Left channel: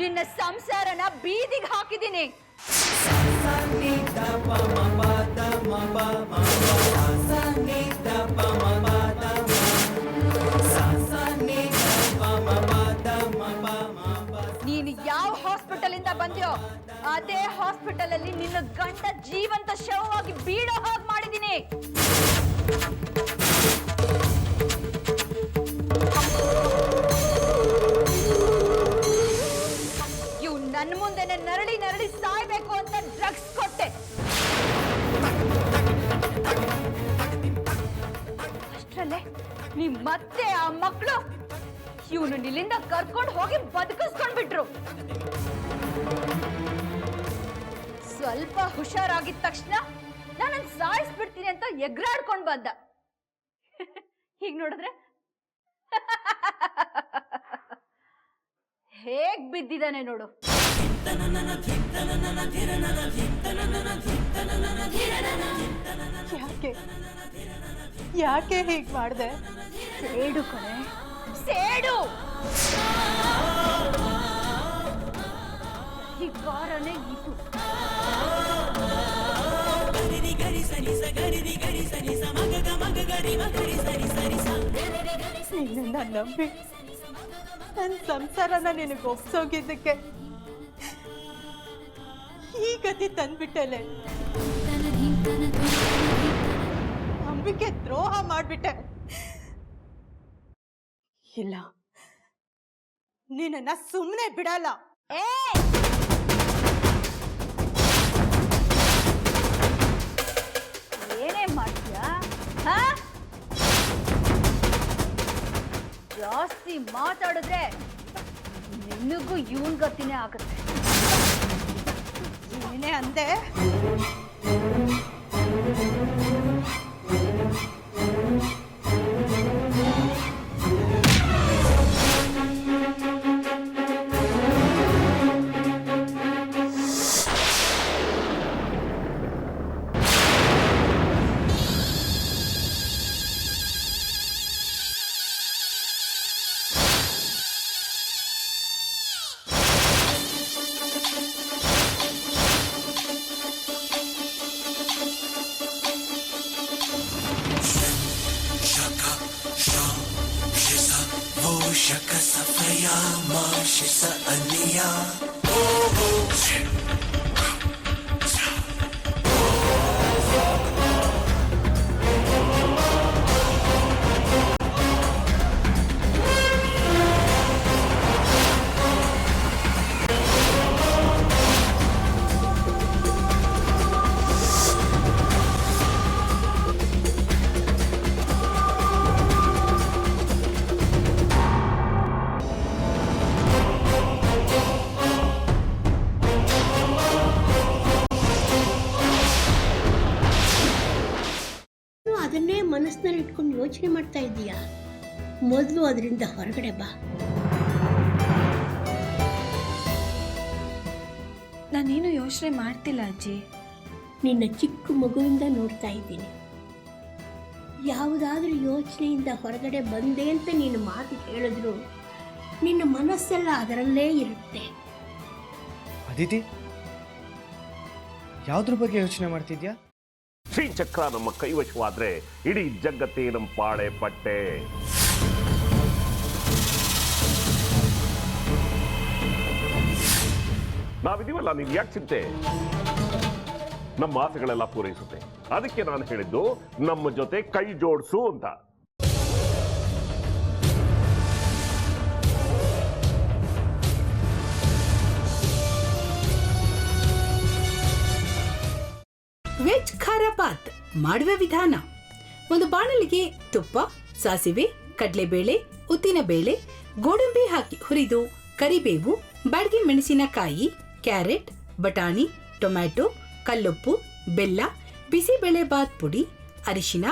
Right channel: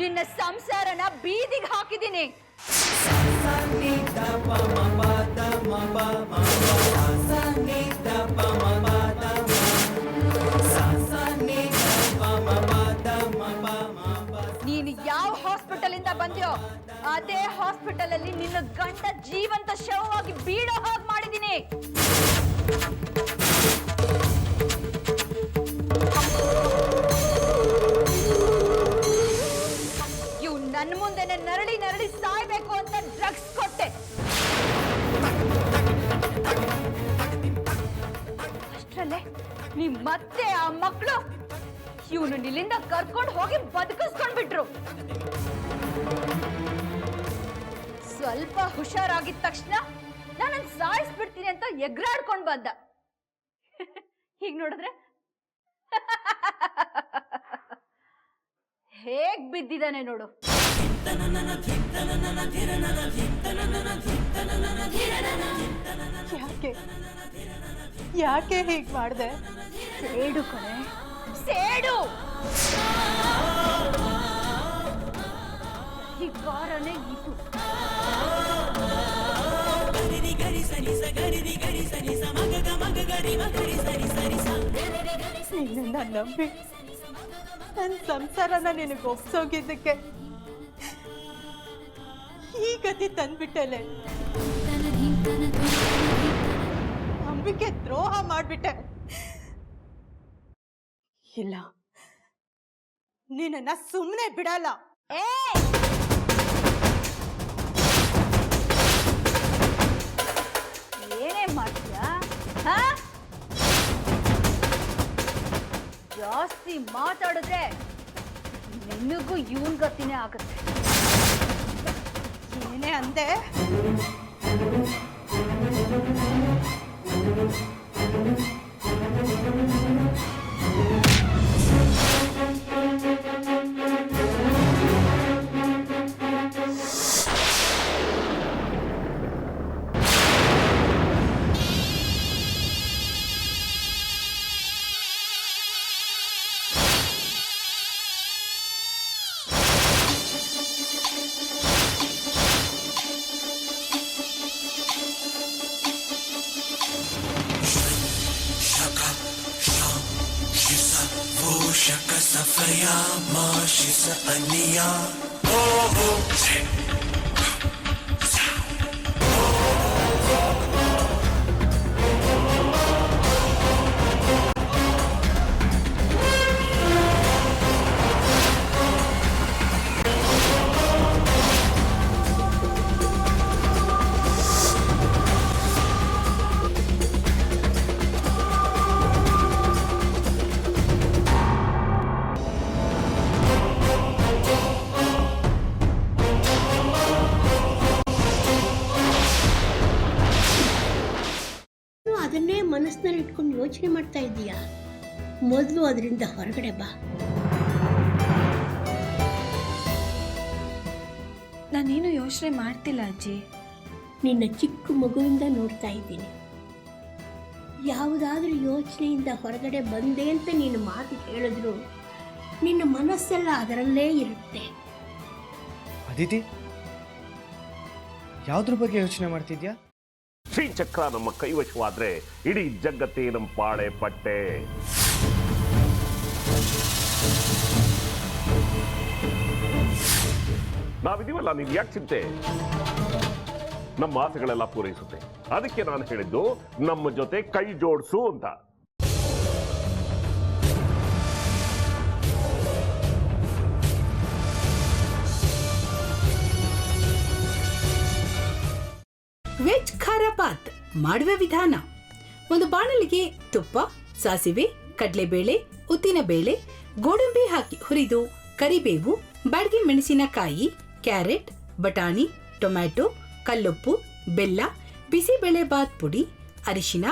ನಿನ್ನ ಸಂಸಾರನ ಬೀದಿಗೆ ಹಾಕಿದ್ದೀನಿ. ನೀನು ಯಾವ ಹಾಸ್ಪಿಟಲ್ ಇಂದ ಬಂದ್ಯೋ ಅದೇ ಹಾಸ್ಪಿಟಲ್ ಅಲ್ಲಿ ನಿನ್ನ ಗಂಡ ಜೀವಂತ ಶವವಾಗಿ ಬೀಳೋ ಹಾಗೆ ಮಾಡಿದ್ದೀನಿ. ಇವು ನನ್ನ ಮುಂದೆನೆ ನರಳಿ ನರಳಿ ಸಾಯ್ಬೇಕು ಅಂತ ಡ್ರಗ್ಸ್ ಕೊಟ್ಟೆ. ಅಷ್ಟರಲ್ಲೇ ನೀ ಮತ್ತೆ ಆ ಮಕ್ಕಳು ಇವನು ನಿಲ್ಲಿಂದ ಕರ್ಕೊಂಡು ಹೋಗಿ ಬದುಕಿಸ್ಕೊಂಡ್ಬಿಟ್ರು. ಸ್ವಲ್ಪ ಹುಷಾರಾಗಿದ ತಕ್ಷಣ ನಾನು ಸಾಯಿಸ್ಬಿಡ್ತೀನಿ ಅಂತ ಎಗ್ರಾಡ್ಕೊಂಡ್ ಬಂದ. ಹೀಗ್ ನೋಡಿದ್ರೆ ಹೇಗ್ ಬಿದ್ದಿದ್ದಾನೆ ನೋಡು. ಯಾಕೆ ಯಾಕೆ ಹೀಗ್ ಮಾಡ್ದೆ? ಸೇಡು ಕಣೆ, ಸೇಡು. ಹೀಗಾರನೇ ಇದು. ನಿನ್ನ ನಂಬಿ ನನ್ನ ಸಂಸಾರನ ನಿನಗೆ ಒಪ್ಸೋಗಿದ್ದಕ್ಕೆ ಈ ಗತಿ ತಂದ್ಬಿಟ್ಟಲೆ. ನಂಬಿಕೆ ದ್ರೋಹ ಮಾಡ್ಬಿಟ್ಟೆ. ಇಲ್ಲ, ನಿನ್ನ ಸುಮ್ಮನೆ ಬಿಡಲ್ಲ. ಏನೇ ಮಾಡ್ತೀಯಾ? ಜಾಸ್ತಿ ಮಾತಾಡಿದ್ರೆ ನಿನಗೂ ಇವನ್ ಗತಿನೇ ಆಗುತ್ತೆ. ಏನೇ ಅಂದೆ? ಅದನ್ನೇ ಮನಸ್ಸಿನಲ್ಲಿ ಇಟ್ಕೊಂಡು ಯೋಚನೆ ಮಾಡ್ತಾ ಇದ್ದೀಯಾ? ಮೊದಲು ಅದರಿಂದ ಹೊರಗಡೆ ಬಾ. ನಾನೇನು ಯೋಚನೆ ಮಾಡ್ತಿಲ್ಲ ಅಜ್ಜಿ. ನಿನ್ನ ಚಿಕ್ಕ ಮಗುವಿಂದ ನೋಡ್ತಾ ಇದ್ದೀನಿ. ಯಾವುದಾದ್ರೂ ಯೋಚನೆಯಿಂದ ಹೊರಗಡೆ ಬಂದೆ ಅಂತ ನೀನು ಮಾತು ಹೇಳಿದ್ರು ನಿನ್ನ ಮನಸ್ಸೆಲ್ಲ ಅದರಲ್ಲೇ ಇರುತ್ತೆ. ಅದಿತಿ, ಯಾವುದ್ರ ಬಗ್ಗೆ ಯೋಚನೆ ಮಾಡ್ತಿದ್ಯಾ? ಶ್ರೀಚಕ್ರ ನಮ್ಮ ಕೈವಶವಾದ್ರೆ ಇಡೀ ಜಗತ್ತೇ ನಮ್ಮ ಪಾಳೆ ಪಟ್ಟೆ. ನಾವಿದೀವಲ್ಲ, ನೀನ್ ಯಾಕೆ ಚಿಂತೆ? ನಮ್ಮ ಆಸೆಗಳೆಲ್ಲ ಪೂರೈಸುತ್ತೆ. ಅದಕ್ಕೆ ನಾನು ಹೇಳಿದ್ದು ನಮ್ಮ ಜೊತೆ ಕೈ ಜೋಡಿಸು ಅಂತ. ವೆಜ್ ಖಾರ ಬಾತ್ ಮಾಡುವ ವಿಧಾನ: ಒಂದು ಬಾಣಲಿಗೆ ತುಪ್ಪ, ಸಾಸಿವೆ, ಕಡಲೆಬೇಳೆ, ಉದ್ದಿನಬೇಳೆ, ಗೋಡಂಬಿ ಹಾಕಿ ಹುರಿದು ಕರಿಬೇವು, ಬಾಡಿಗೆ ಮೆಣಸಿನಕಾಯಿ, ಕ್ಯಾರೆಟ್, ಬಟಾಣಿ, ಟೊಮ್ಯಾಟೊ, ಕಲ್ಲುಪ್ಪು, ಬೆಲ್ಲ, ಬಿಸಿಬೇಳೆ ಬಾತ್ ಪುಡಿ, ಅರಿಶಿನ,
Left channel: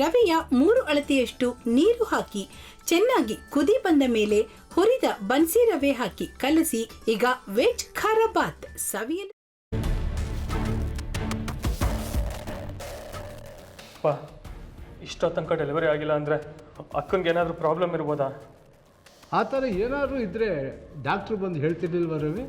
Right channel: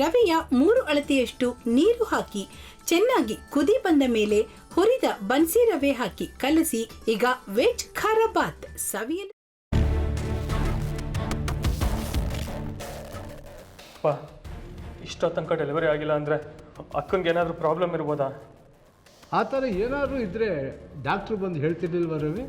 ರವೆಯ 3 ಅಳತೆಯಷ್ಟು ನೀರು ಹಾಕಿ ಚೆನ್ನಾಗಿ ಕುದಿ ಬಂದ ಮೇಲೆ ಹುರಿದ ಬನ್ಸಿ ರವೆ ಹಾಕಿ ಕಲಸಿ. ಈಗ ವೆಜ್ ಖಾರ ಬಾತ್ ಸವಿಯಲು. ಇಷ್ಟೋ ತನಕ ಡೆಲಿವರಿ ಆಗಿಲ್ಲ ಅಂದರೆ ಅಕ್ಕಂಗೆ ಏನಾದರೂ ಪ್ರಾಬ್ಲಮ್ ಇರ್ಬೋದಾ? ಆ ಥರ ಏನಾದರೂ ಇದ್ದರೆ ಡಾಕ್ಟ್ರು ಬಂದು ಹೇಳ್ತಿರ್ಲಿಲ್ವ ರವಿ?